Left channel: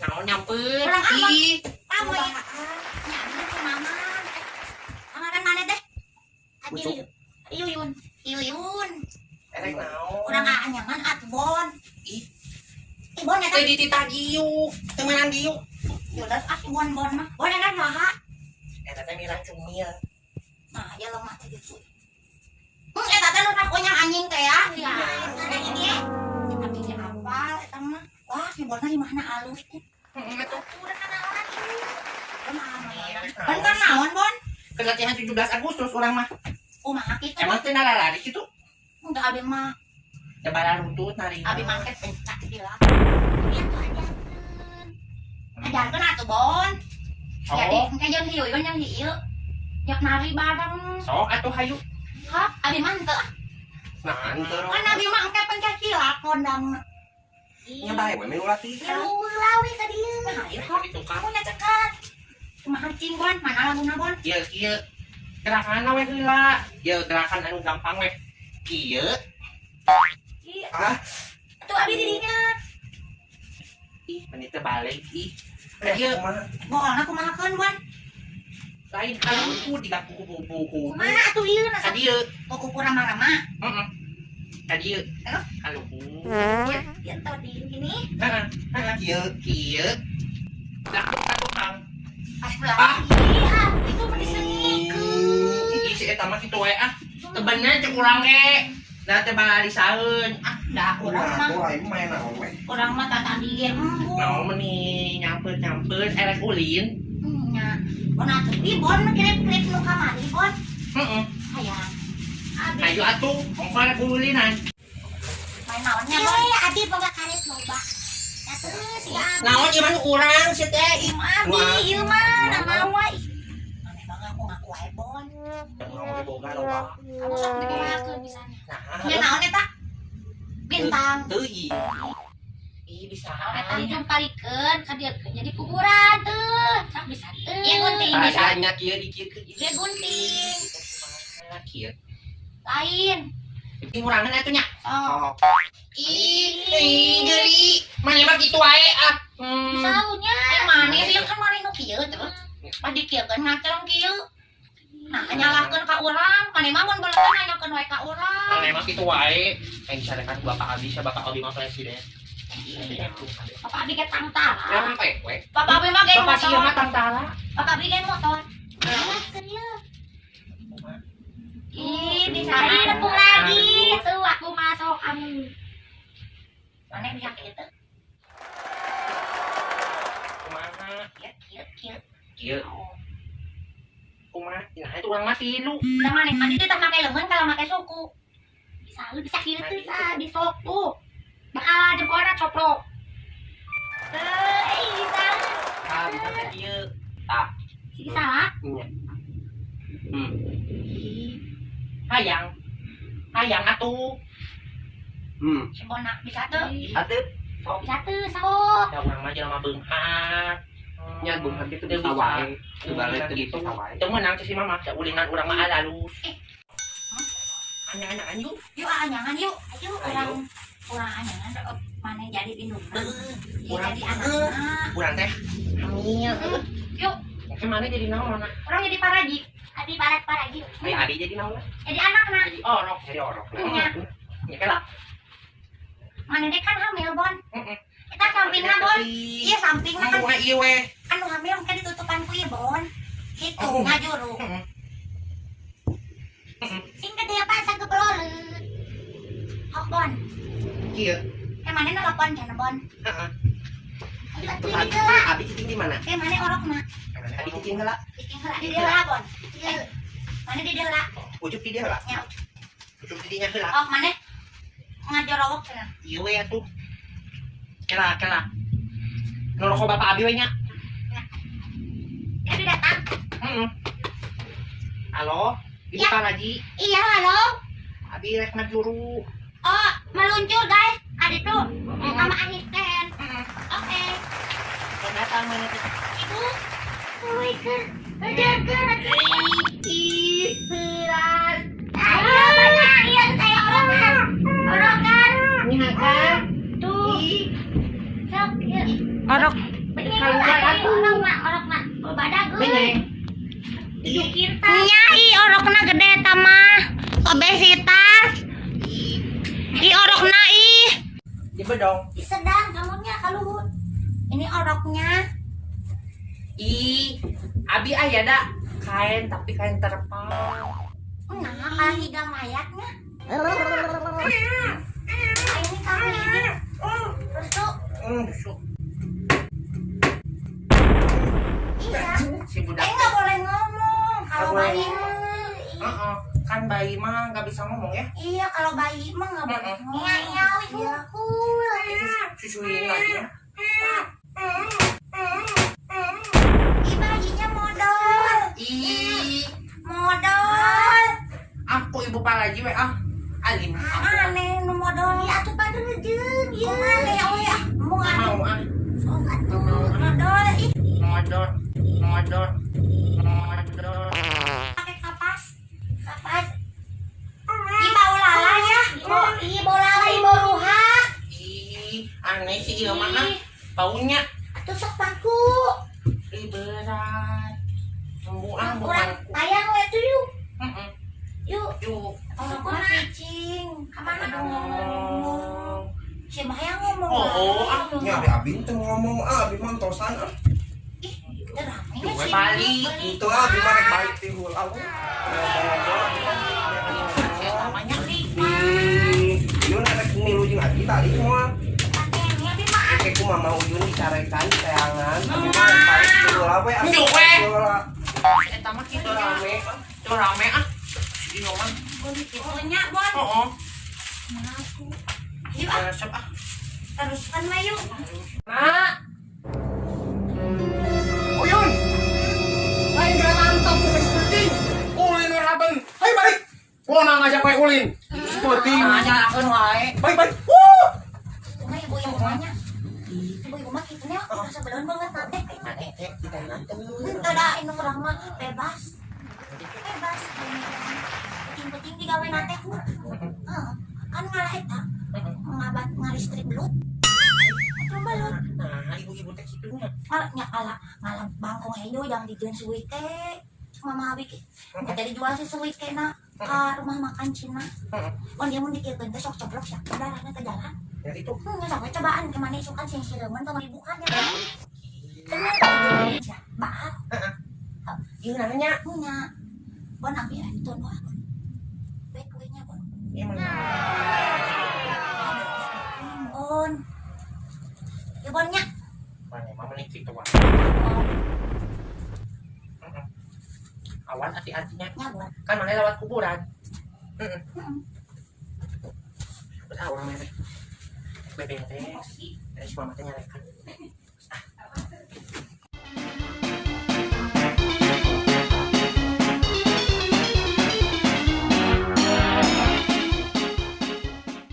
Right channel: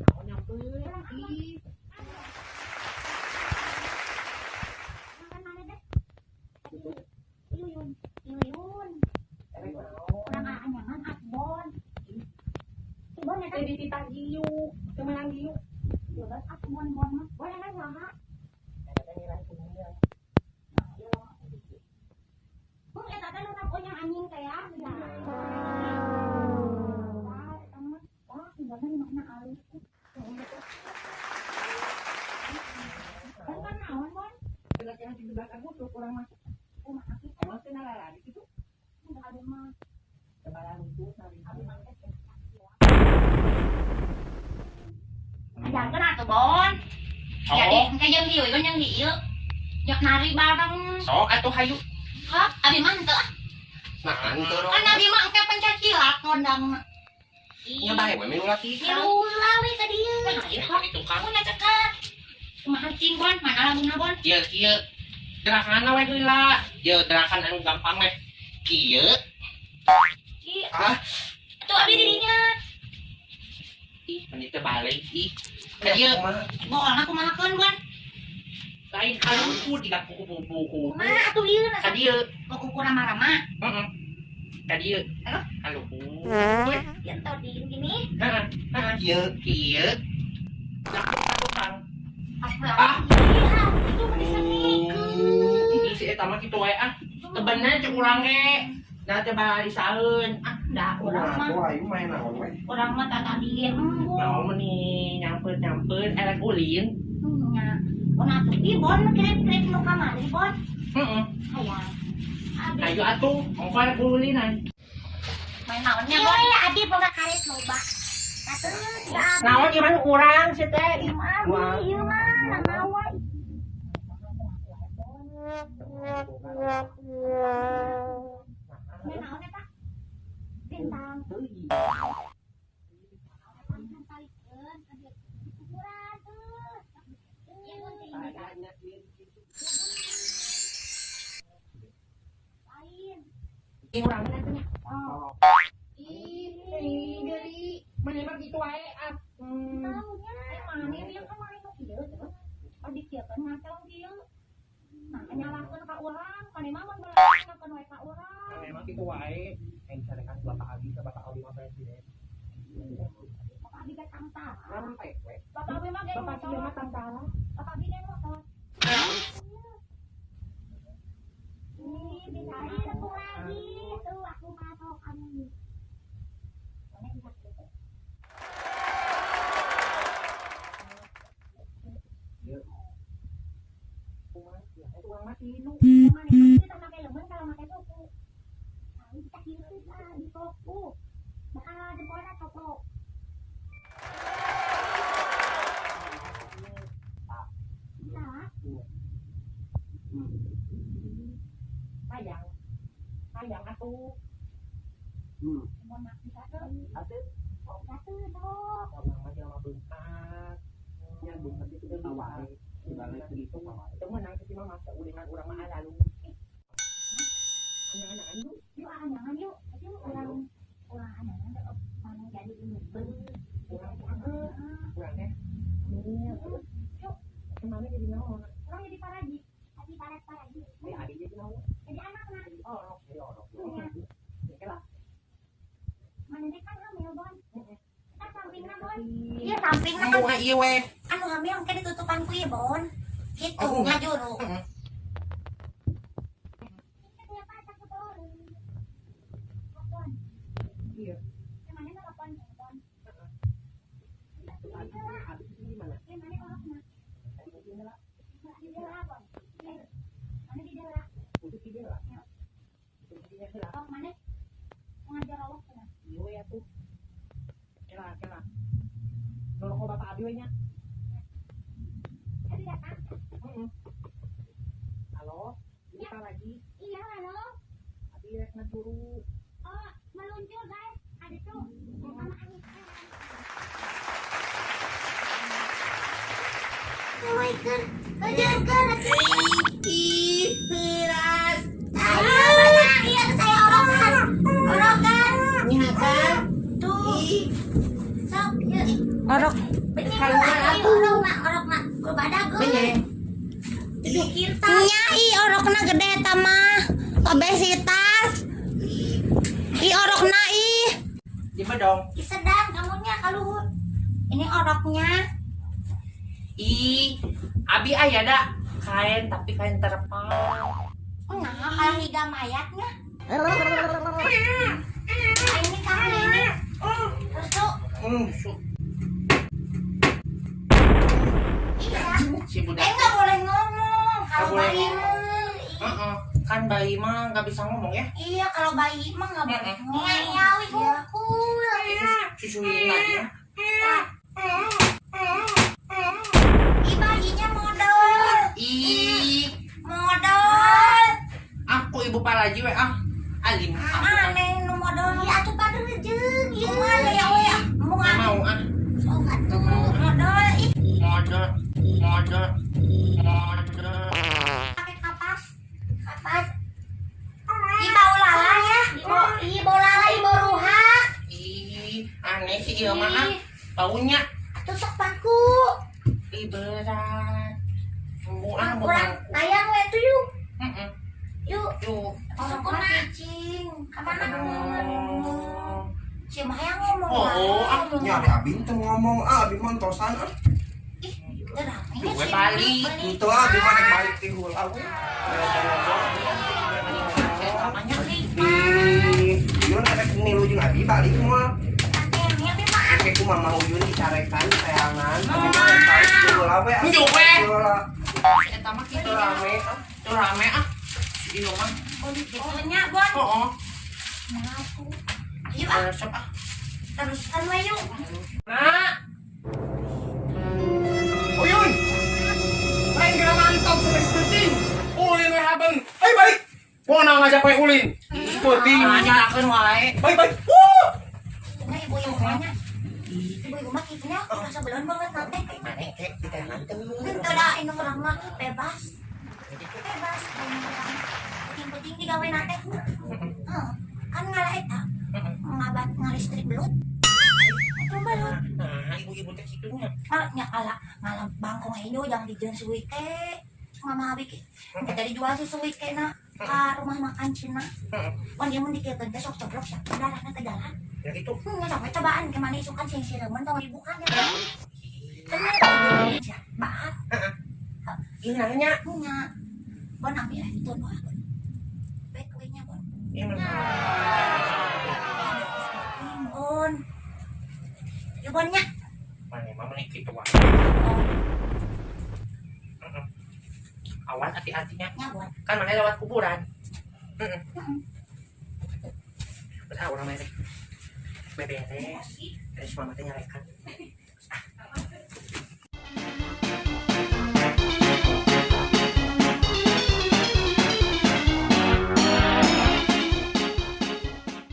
Nào nyamper ih Kamu ya. Amaran mana teh? Yuyun. Yuyun. erek naon Urang aanyangan atbon. ih Ibon ya teh teh. di tita diuk temenan diuk Yaudah atbon bon mah. Bon ya kan saha? eta teh mirang cumil Nah, ya lo mah gitu. Eta teh nu takonya anjing teh ya. Ya, ada ini ya. Tapi dia apal eta mah. Wah, ibonna di mana alus teh. itu Udah kana orang ini. Bon kan naon, Bon? pelatihan 17 Agustus orang mah Kumaha kitu? emang teh nalari gitu Enggak abi mah. tebaran runtut nari Abi mah teh pencak gila. Ajarkeun atuh, Bon. Jadi, engke jeung hieu jeung hieu. Jak nari bareng. sok atuh hayu Hap, abi mah henteu. nah henteu Kan abi mah engke pencak silat kondang. nyoba we milu latihan Lawi tadi. Nah, ieu hap itu kamu kamu na cekat. Kumaha cing, Bon? Mana lamunna, Bon? ieu kieu gerakan we heula ieu gerakan anu gampang we kieu Ih, ah tuh abi didinya. ih meni teh balik ih ieu Bolna kumahakeun, Bon? lain anu tiga kuku-kuku Kumaha atuh ieu na ka dieu kuku rama-rama. heeh ka dieu Halo? halo Ya tau di gini. heeh kieu satu kang Pas pulang. Iya, itu mah disenikeun. ih si eta mah kitu wae ah teu bener cek urang ge da teh bala disaeun ah Da urang mah. main naon we Urang mah tata dieu embung. naon meni nyampeun erek ulin Nya. Bon atuh di Bon krip-krip nu kamari, Bon. heeh Hayang. Abi. ayo atuh mongko erek ulinan Main naonnya, Bon? Iya, abi boga karet loba. Atuh, si abi. naon ieu mah urang si teh Im abi, ieu mah namawa. Mane bangga aku ngaku wae, Bon. boga loba Kamu sok digunakeun bisanya. Nya naon eta? Bintang. teu ih bisa Eta dicumparikeun ka dieu jadi kuburan teu. Sak bisa teu. Ieu gunting bisa. nya kieu dikieun Ieu gunting. kieu Lain. penting urang atuh nya Oh. ih geli mane mah kitu wae ah Saunya. Mane dia kan mari nu kieu terus. Pas dikieun ngacelong kieu. Nah, nyalahkeun ka urang, mane mah mun beuleung nyanyakeun wae ka urang. mane mah kitu wae yang disarekan Bapak Abi sa Bapak Abi mah presiden Bapak abi ge tangtara. sampai we Bapak abi mah ge Bapak sieu mah motor. tangtara Bapak abi ge motor. Ih, bisa tepung lagi. Tuh aku masuk kamu. Mana bisa gitu? kumaha Kieu. kieu kumaha nah itu urang mah tilu Udah mana? Mandi itu tak pakai lemen kalau pakai suku. Bisa lu bisa kieu tuh bisa di sok tuh. Bakal jempolna coplok. Bisa. ah bisa teh kieu tah Bisa lah. nya hayang hayang atuh Sembona bisa tuh. atuh Bisa tuh sok. da urang mah jelema beunghar nya beunghar kitu teh bisa teu balik teu gitu teu meunang si mama da ulinan urang mah alus anjang anjing Yuk anyangan yuk. Ayo orang anyangan mana jadi induk. Urang Jadi anak. urang teh hamil Yuk, oke mana jadi naon orang jadi paraji. Adi paraji. aya adi jadi naon Jadi anak nah. jadi orok Iya. ya kala Mana dia kan hamil, Bon. heeh Kita sampingna, Bon. Iya, sampingna kan. ngomongna ieu we Anu hamil mungkin ditutupan ku ieu, Bon. Gitu, Oh. ngajuru. heeh Singkat dia pas kebeloleut. Hok, Bon. kieu Mana nelpon cenah, Bon. heeh Ayo atuh di heula. abi cicing di mana Mana orokna? abi cicing heula Bikin heula di heula, Bon. Mana di heula? ucup di dia heula Ya, ucup di dinya heula oh, mana? Ngajorowok cenah. ieu we atuh kela nuroko bapak abi we nya Jadi datang. heeh halo ibu Ya. Paraji Iya, halo. abi rek ngajuru Oh, meluncur, guys. Ada tuh. Sama Anisten. Oke. datang mana Kawaikan. Kejarkan. Ih, beras. Ayo, iya saya orokan. Orokan. Ini kan. Tuh. Sok, yuk. Orok. Orok nak. Badak Ini. Nya orokna gede tama. Obesitas. Orokna Coba dong. sedang kamunya kaluhut. Ini oroknya. Abi aya da kain tapi kain terpal. Nah, kalau higa mayatnya. Ini kamu ini. Terus tuh. Busuk. Iya. Si budak. Nggak boleh ngomong. Kalau Nggak boleh bayi ngomong. mah. Kan bayi mah nggak bisa ngomong ya. Iya, kalau bayi mah nggak boleh ngomong. Iya, Susuin lagi ya. bayinya modal. Modal. Aku ibu palaji we alim. Aku Aneh nu modal. Ya atuh padeurejeun. Kumaha ya we Embung nggak mau Sok atuh modal. Modal. Pakai kapas. Bau lala ya. Bau lala, bau ruha. Aneh sih ieu mah baunya. Atuh sok paku. Berat. Kurang bukan. tayang we tuh yuk. Yuk. Yuk. Orang mah cicing. Kamana ngomong. Si Maya ngomong. Ya ada Abi tuh ngomong, Abi mantosan Ih, terang. Gue balik. itu Abi mah rek balik ti hul aku. Yun ada nilu jeung Abi tadi semua. Kayak ku mama Uyun dicarekan peangan, tapi mah rek balik ti hul we. Njuk we. Eta mah kitu rame. Tuh rame Ieu mah. Itunya, Bon. Heeh. Mengaku. Yuk, Resep teruskan we yuk. Nah, Uyun. Lain gak mantap sudah penting. Ulin we haben. Hai balik. Pona ngajak we ulin. Penting. nyalakeun wae. Balik. Cuma ibu-ibu nanya. Ibu-ibu mah kitanya udah sebelum banget nate. Maneh teh ditenangkeun. Itu dah ini orang mah bebas. Bebas. Penting-penting digawe nate. Kan ngalah eta. Ngabat ngalistrik belut. Itu belut. Nah, ibu-ibu teh kitunya. Nya kalah ngalah bangkong hejo yang dijeun suwi teh. Mama abi dari jual si suwi teh na ka rumah makan Cina. On dia mun dikeun teh sok coblok sia darahna teh jalan. Ya itu. Nya sok cobaan ke mana isukan sing sireun tong dibukan ya. Bahan. Ieu nanya. Nya. Bon ambil itu doa bon. Baik kuenya bon. Ieu mah. Bon. Ya bonnya. Maneh mah menik kitu wae. Awan hati-hatinya. Nya bon. Kan mana lewat kuburan. Udah orang merek. Bebe teh. Terus mama teh nyarekan.